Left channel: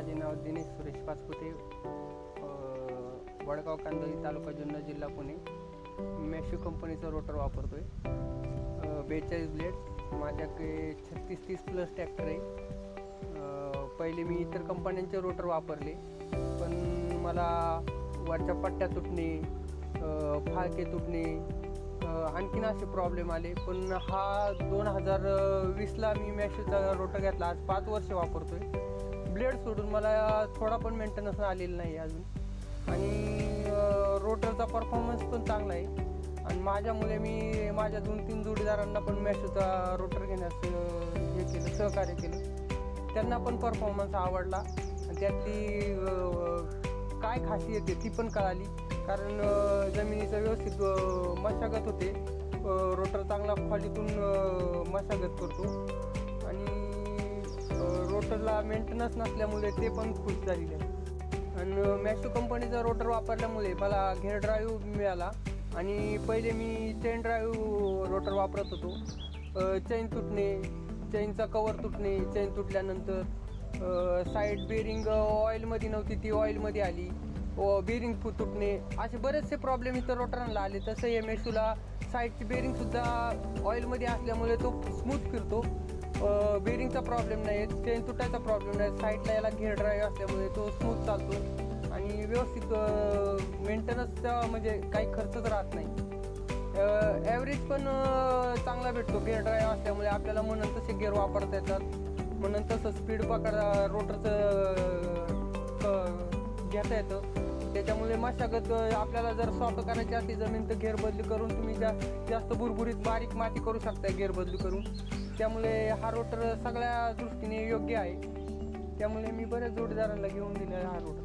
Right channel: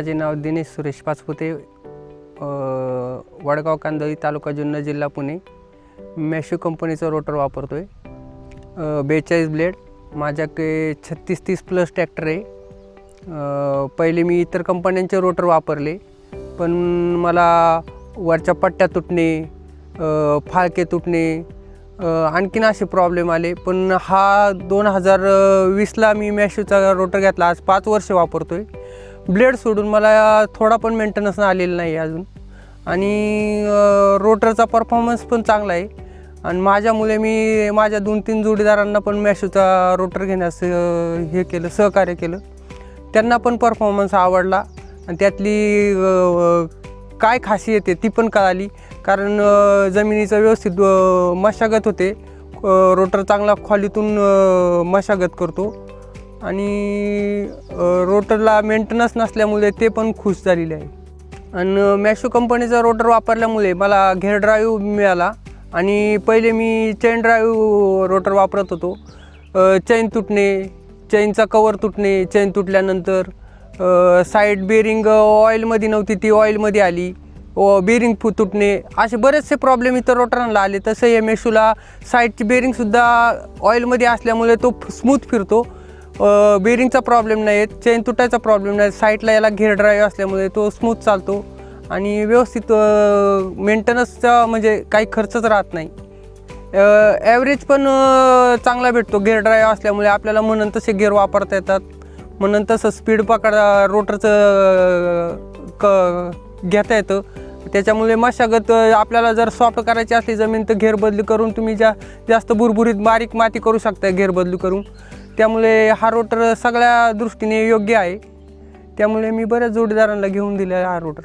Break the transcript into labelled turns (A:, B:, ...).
A: माझे नाव दिनेश सुरेश पाचपुते वडगाव कांदळी तालुका जुन्नर जिल्हा पुणे. मॅशो कंपनीचा रोटर वापरतो आहे बेचाळीस ब्लेड माझ्याकडे छत्तीस तीस प्लस ट्रॅक्टर आहे. पहिले मी इतर कंपन्यांचे रोटर वापरले पण मला वरच्या पट्ट्या तुटणे फाळके तुटणे आणखीन असे प्रॉब्लेम आले. पण हा दोन हजार वीसला मी मॅशोचा रोटर घेतला. आज पाच वर्ष वापरतो आहे ब्लेड सोडून मला थोडा पण मेंटेनन्स आलेला नाही अजून. आणि रोटरचा परफॉर्मन्स पण चांगला आहे. आणि माझ्यामुळे मी माझ्या दोन तीन जोडीदारांना पण मॅशोचा रोटर घेण्यास हे केलं सहकार्य केलं. त्यांना पण परफॉर्मन्स आवडला. आणि त्यातली काय खासियत आहे ती पण कळाली. कारण जमिनीचं व्यवस्थित मशागत होते. रोटर चांगला खोलीतून मशागत करतो. आणि रोटरला मेंटेनन्स नसल्यामुळे ते पण खुश झालेले आहे. आणि मॅशो कंपनीचा रोटर वापरल्यामुळे मला घेर ड्राईव्ह मिळाला. आणि पहिले मी चेन ड्राईव्ह रोटर वापरत होतो. चेन तुटणे चेनचा कवर तुटणे चेन तुटल्यानंतर साईड बेरिंग ऑइलमध्ये नव्हती ती ऑइलमध्ये आली. व बेरिंग फु तुटणे. असे बरेचसे प्रॉब्लेम इतर रोटरांना आले. तसं या मेशूला साईडची बेरिंगसुद्धा ऑइलमध्ये असल्यामुळे तो स्मूथ फिरतो. बेरिंगचा प्रॉब्लेम नाही आहेत चेन तुटायचा प्रॉब्लेम नाही साईडला याला घेर ड्राईव्ह असल्यामुळे तो स्मूथ चालतो. आणि व्यवस्थित मेंटेनन्सचा म्हणजे काही खर्चच राहत नाही. ॲव्हरेज पण चांगला भेटतो. गेअर ड्राईव्ह असल्यामुळे आपल्याला म्हणून तसे गेअर वापरता येतात. म्हणून तसं स्पीड पकडा रोटरचं क घेता येतं. त्याच्यामुळे मशागत आपल्याला जर सॉफ्ट करायची असली जमीन तर घेर बदली करून तुम्ही ज्या जास्त बुरबुरीत बारीक माती करू शकता घेर बदली करून. त्यामुळे हा रोटर सगळ्या दृष्टीने योग्य आहे. त्यामुळे मी बऱ्याच जोडीदारांना घेऊन दिले हा रोटर.